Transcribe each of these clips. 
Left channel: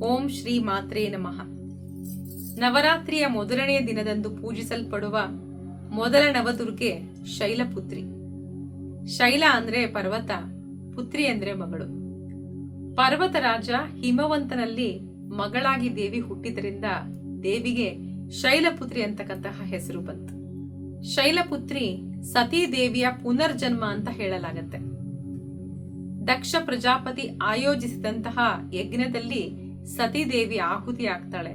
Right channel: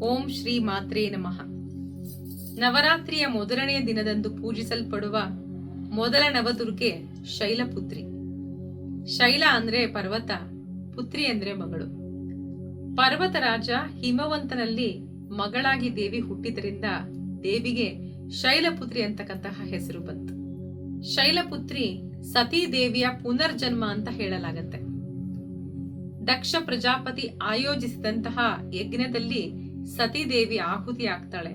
ಓಂ ಶ್ರೀ ಮಾತ್ರೇ ನಮಃ. ನವರಾತ್ರಿಯ ಮೊದಲನೆಯ ದಿನದಂದು ಪೂಜಿಸಲ್ಪಡುವ ಮೊದಲ ನವದುರ್ಗೆ ಶೈಲಪುತ್ರಿ. ಶೈಲ ಅಂದ್ರೆ ಪರ್ವತ, ಪುತ್ರಿ ಅಂದ್ರೆ ಮಗಳು. ಪರ್ವತರಾಜ ಹಿಮವಂತನಲ್ಲಿ ಮಗಳಾಗಿ ದೇವಿ ಹುಟ್ಟಿದ್ರಿಂದ ದೇವಿಗೆ ಶೈಲಪುತ್ರಿ ಅಂತಕ್ಕಂತಹ ಹೆಸರು ಬಂತು. ಶೈಲಪುತ್ರಿ ಸತೀ ದೇವಿಯ ಪುನರ್ಜನ್ಮ ಅಂತ ಹೇಳಲಾಗತ್ತೆ. ದಕ್ಷ ಪ್ರಜಾಪತಿ ಆಯೋಜಿಸಿದಂತಹ ಯಜ್ಞದಲ್ಲಿ ಸತೀದೇವಿ ಆಹುತಿ ಆಗ್ತಾಳೆ.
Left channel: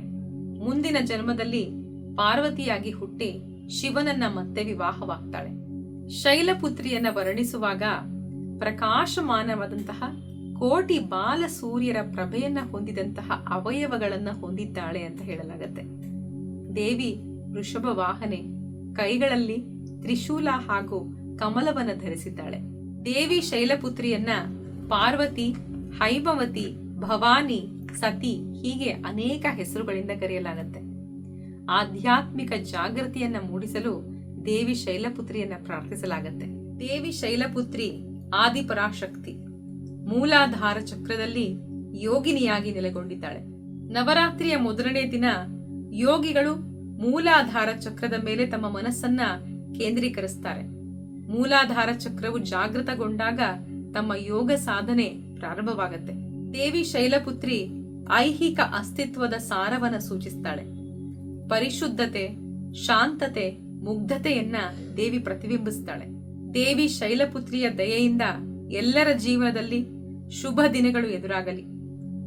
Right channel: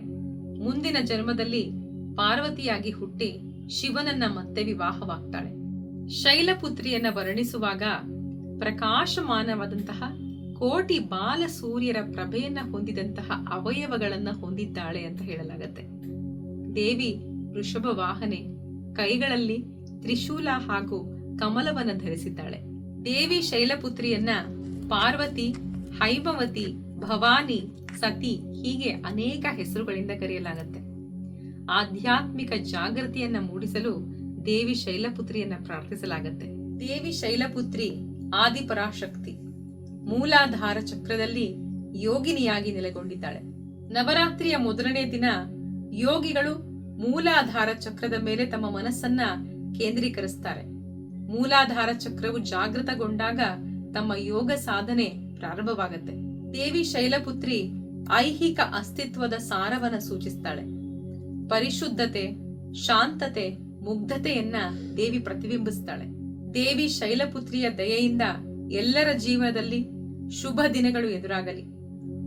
ಮುಂದಿನ ಜನ್ಮದಲ್ಲಿ ಪಾರ್ವತಿಯಾಗಿ ಹುಟ್ಟಿ ಶಿವನನ್ನ ಮತ್ತೆ ವಿವಾಹವಾಗ್ತಾಳೆ. ಶೈಲಪುತ್ರಿಯನ್ನ ವರ್ಣಿಸುವಾಗ ಪ್ರಕಾಶಮಾನವಾದಂತಹ ಕೋಟಿ ಬಾಲ ಸೂರ್ಯರ ಪ್ರಭೆಯನ್ನ ಹೊಂದಿದಂತಹ ಅವಯವಗಳನ್ನ ಹೊಂದಿದ್ದಾಳೆ ಅಂತ ಹೇಳಲಾಗತ್ತೆ. ದೇವಿ ವೃಷಭ ವಾಹನೆ, ಕೈಗಳಲ್ಲಿ ತ್ರಿಶೂಲ ಹಾಗೂ ಕಮಲವನ್ನ ಧರಿಸಿದ್ದಾಳೆ. ದೇವಿ ಶೈಲಪುತ್ರಿಯನ್ನ ಪಾರ್ವತಿ, ಹೈಮವತಿ, ಭವಾನಿ, ಸತಿ ಹೀಗೆ ಅನೇಕ ಹೆಸರುಗಳಿಂದ ಕರೆಯಲಾಗುತ್ತೆ. ಆಧ್ಯಾತ್ಮಿಕ ಜಾಗೃತಿಯನ್ನ ಮೂಡಿಸಲು ದೇವಿ ಶೈಲಪುತ್ರಿಯನ್ನ ಪ್ರಾರ್ಥಿಸಲಾಗತ್ತೆ. ದೇವಿ ಶೈಲಪುತ್ರಿ ಆದಿಪರಾಶಕ್ತಿ, ಮೂಲಾಧಾರ ಚಕ್ರದಲ್ಲಿ ಯೋಗಿನಿಯಾಗಿ ನೆಲೆಗೊಂಡಿದ್ದಾಳೆ. ನವರಾತ್ರಿಯ ಮೊದಲನೇ ದಿನ ಯೋಗಿಗಳು ಮೂಲಾಧಾರ ಚಕ್ರದ ಮೇಲೆ ತಮ್ಮ ಮನಸ್ಸನ್ನ ಕೇಂದ್ರೀಕರಿಸ್ತಾರೆ. ಮೂಲಾಧಾರ ಚಕ್ರವು ಜಾಗೃತಗೊಂಡಾಗ ತಮ್ಮ ಯೋಗ ಸಾಧನೆ ಪ್ರಾರಂಭವಾಗತ್ತೆ. ದೇವಿ ಶೈಲಪುತ್ರಿ ಐಹಿಕ ಅಸ್ತಿತ್ವದ ಸಾರವನ್ನ ಸೂಚಿಸ್ತಾಳೆ. ಪರಿಶುದ್ಧತೆ, ಶಾಂತತೆ, ಮುಗ್ಧತೆಯನ್ನ ದೇವಿ ಪ್ರತಿಬಿಂಬಿಸ್ತಾಳೆ. ದೇವಿ ಶೈಲಪುತ್ರಿಯ ದಯೆಯಿಂದ ಎಲ್ಲರ ಜೀವನದಲ್ಲಿ ಶುಭ ದಿನಗಳು ಎದುರಾಗಲಿ.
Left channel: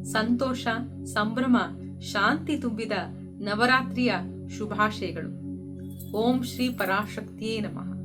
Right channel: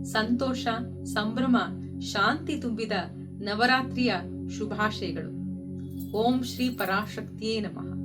ಸಂತೋಷ, ಸಂಭ್ರಮ, ಶಾಂತಿ ತುಂಬಿದ ನವರಾತ್ರಿಯ ಶುಭಾಶಯಗಳು. ಓಂ ಶ್ರೀ ಪರಾಶಕ್ತಿಯೇ ನಮಃ.